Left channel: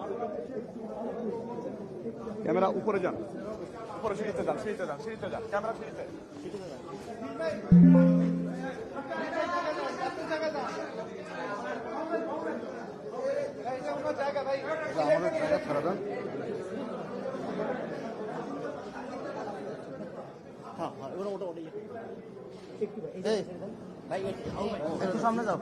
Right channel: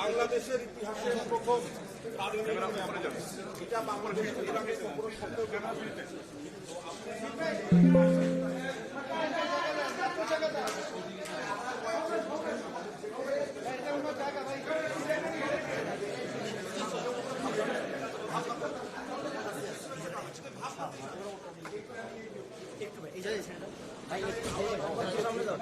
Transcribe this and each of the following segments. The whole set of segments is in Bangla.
বাংলাদেশের ইতিহাসে প্রথম ক্যামেরা উপরে যান, উপরে সিঁড়িতে যান, সিঁড়িতে যান, সিঁড়িতে যান, ক্যামেরা সিঁড়িতে। একটু সামনে যাও,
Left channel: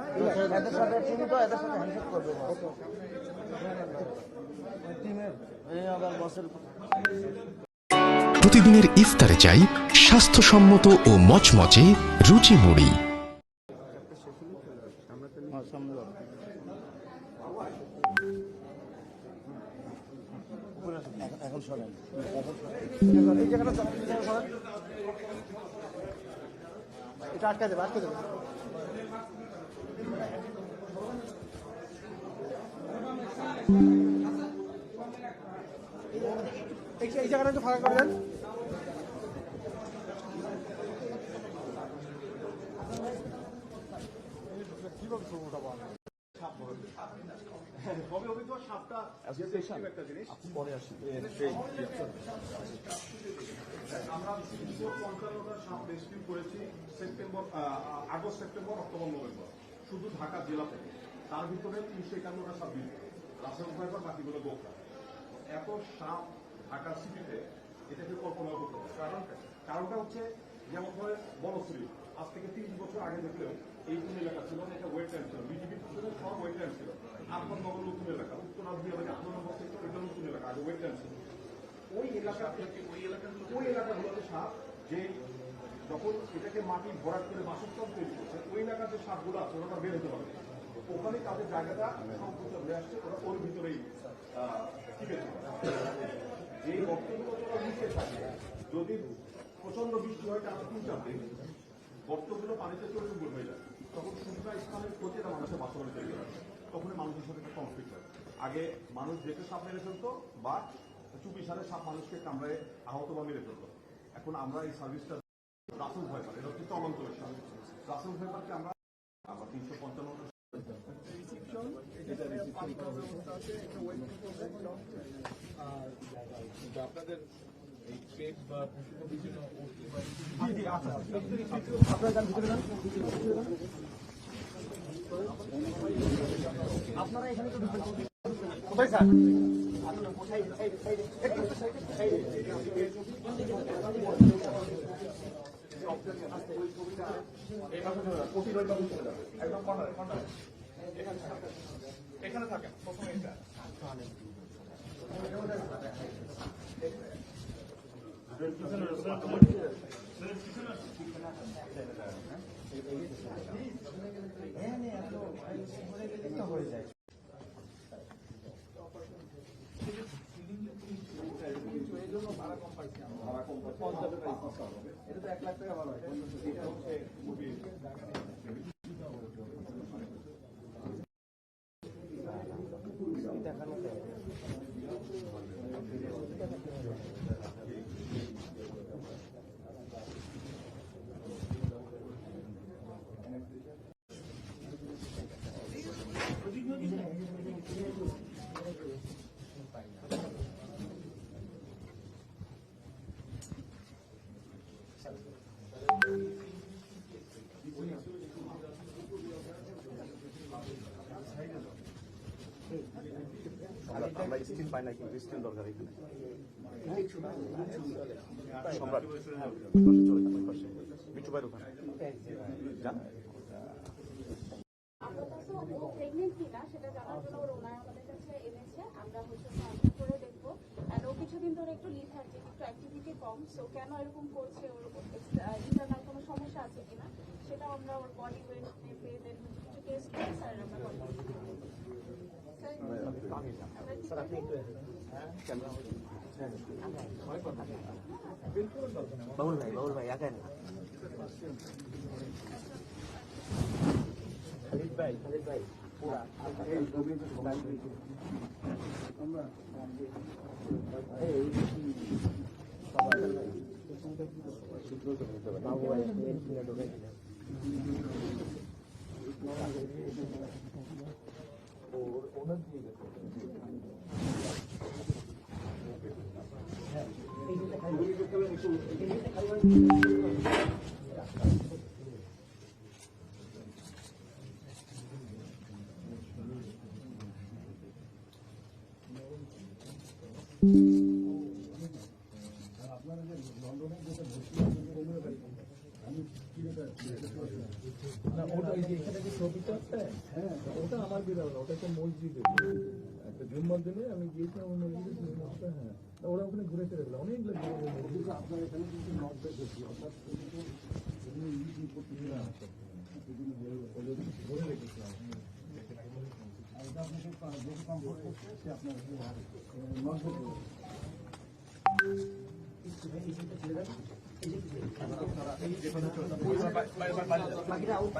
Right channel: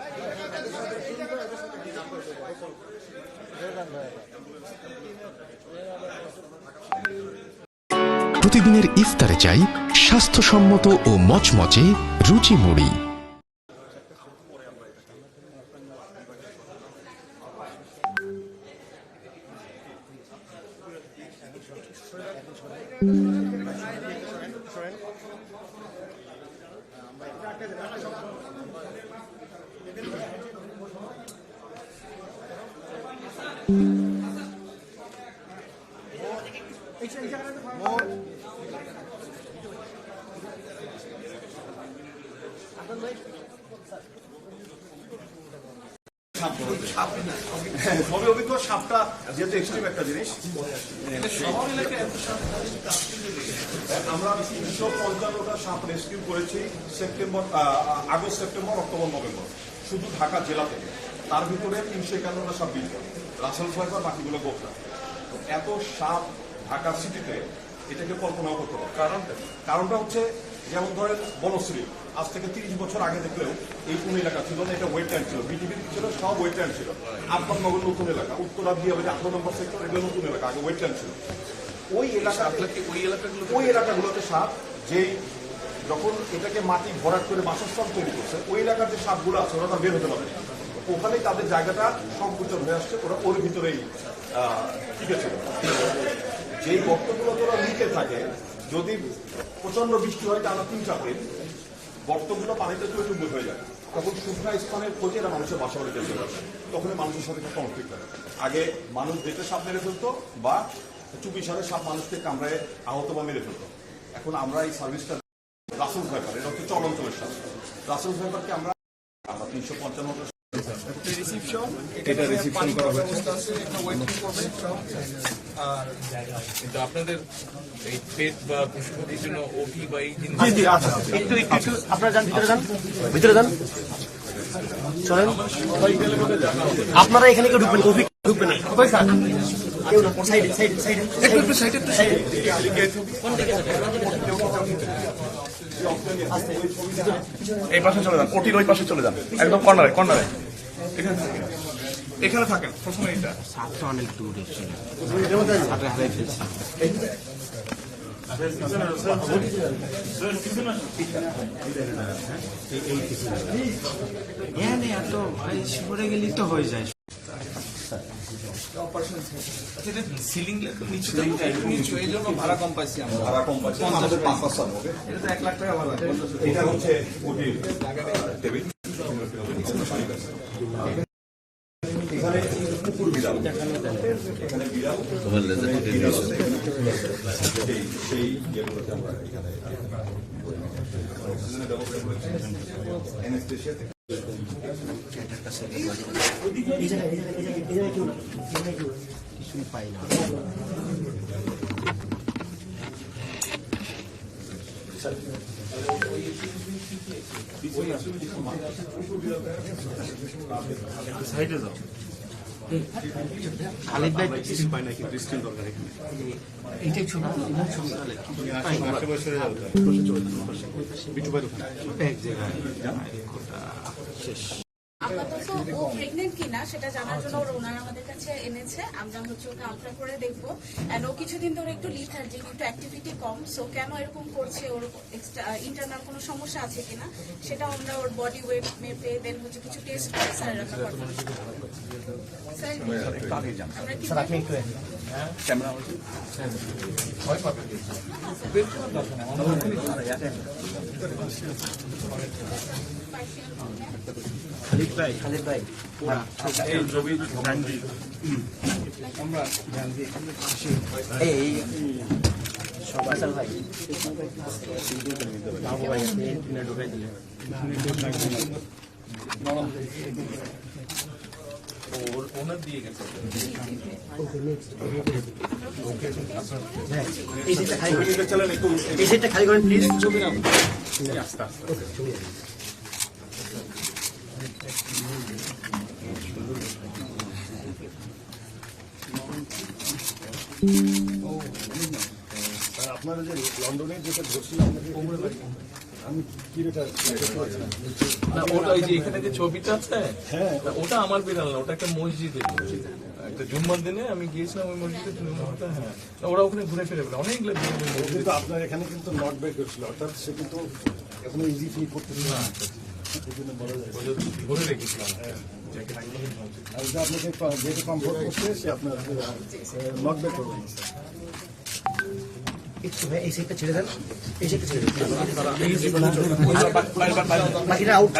প্রতিদিনের ইফতারে চাই স্বাস্থ্যসম্মত ও মচমচে রুচি মুড়ি। সবই অভিজ্ঞ। সাপটা যেহেতু এক্সট্রিম একটা জিনিস, আমরা 355টা সাপ রেস্কিউ করেছি আগস্ট, সেপ্টেম্বর, অক্টোবর, নভেম্বর, শুধু ঢাকা জেলা থেকে। তার ভিতরে 351টা সাপ বিল করে, রাসেল ফাইবার, বাকিগুলো গোপরা। এত সাপ ঢাকা সিটিতে, এটাকে কল্পনাও করতে হবে। কারণটা হচ্ছে, যেমন ধরেন বনশ্রী, আজ থেকে 30 বছর আগে দেখলেও এই কোন এলাকা ছিল না, এটা ওয়েটল্যান্ড ছিল, বিটিভি ছিল, সব ওয়েটল্যান্ড ছিল। আব্বাসনগর নতুন এলাকা, উত্তরা দিয়ে 18 নম্বর সেক্টর, এগুলো নতুন এলাকা, আগে ওয়েটল্যান্ড ছিল। ওই এলাকাগুলোতে সাপ, যেই যখন এটাকে মাটি ভরাট করে বাসস্থান তৈরি করছে, ওই এলাকার যে সাপগুলো আছে ওরা বের হতে পারে, ওখানেই তাদের জায়গাটা সংকুচন হয়ে আসছে, ওরা ওর ভিতরেই টিকে ছিল। যেই গর্তগুলো তোরা নিচে থাকে, যদি প্রচন্ড বৃষ্টি হয় টানা 3-4 দিন, গর্তগুলো পানিতে চুবুর হয়ে যায়, তখন শুকনা স্থানের খোঁজে এরা মানুষের বাসা বাড়িতে চলে আসে। তখনই মানুষের সাথে একটা কনফ্লিক্ট হয়। আগে মানুষ যেতে সাপ মেরে ফেলতো, বা চুপি সারে সাপ মানুষকে কামড়ায় আহত বা মেরে ফেলতো। এখন আমরা এই সার্ভিসটা রাসেল ফাইবার, এটা হচ্ছে চলঞ্চলের সাপ। রাসেল ফাইবারকে আমরা 355 আপনাদের এই পেট বা পশুপতির জন্য ওটি বা এই জিনিস একটু আপনারা যান, ভিতরে যান, চলেন। আপনারা এখানে কেউ ঢুকবেন, ঢুকবেন না, এই পাশে চলে যান, ওটির ওই পাশে চলে যান, একদম কর্নারে। এখানে থাকেন প্রথমে। এটা সাপটা অনেক দূরে ছিল, এত সরে গেলেই তো হয়ে যায়। সিলিং নিচু, এই জন্য ভাড়া কম পাইছি আমরা। ভাড়া কম পাচ্ছি, আমাদের 5 হবে। এটা তো 1 লাখ টাকা ভাড়া। এটা হচ্ছে ওটির টেবিল। এখানে কুকুর বিড়াল, এখানে বিড়াল, সেই ইয়েগুলোতে আমরা এখানে ব্যবস্থা করেছি। অ্যানেস্থেশিয়া থেকে কিছুই পাই না। সাইডে যাও। খালিদ ভাই পাই না কিন্তু স্ক্রিন দরকার এখানে এইটাই ছবি ছবি তাহলে বিটু ভাই ওখানে এক জায়গায় শেষ আপাতত ও প্রেগনেন্ট কিনা সেটা জানার জন্য ওনারা আমাদের কাছে এনেছে। আমরা হচ্ছে ওকে আলট্রা করে দেখবো। এন্ড ও কিছুদিন ধরে একটু লিথার্জিক, একটু অ্যাক্টিভিটি কম। সো কেন এরকম করছে, ওর ইন্টারনাল কোনো সমস্যা আছে কিনা সেটা আমরা ওর বডি ওয়েট মেপে দেন হচ্ছে কিছু টেস্ট করে স্যার আমরা করবো। স্যার আমরা কি আপনি একটু খালিদ ভাই এই সবাই ভাই বাবু ভাই ঢুকাই দিলে ওনার দিয়ে গেছে এই সিটটা খালি করেন, এই সিটটা খালি করেন প্লিজ। আপনারা যে লন্ডনে যেটা ধরছিলাম আমি কি এটা না, ওটা ওই যে এখানে যে ছবিটা আছে না, ওটা আমার বিড়াল না, ওটা একটা মসজিদে একটা জুম্মার দিনে আমি গিয়েছিলাম ওই মসজিদে। হ্যাঁ, ওরা ওখানে ঘুরে ফিরে বেড়ায় অনেকগুলো বিড়াল। কিন্তু আপনার এখানে কিন্তু নট ব্যাক হয়েছিল, অর্থাৎ সে কিন্তু এখন ইজি ফিল করতেছিল না, এই জন্য বলা যায়। ঘুরে রেখেছিলাম। আর যে আপনাকে যেহেতু কমফোর্ট করছে সে আপনার নট ব্যাক করবে। একটু ভাই এই সিটটা ছেড়ে দেন, এই সিটটা ছেড়ে দেন, বাকিটা আউট।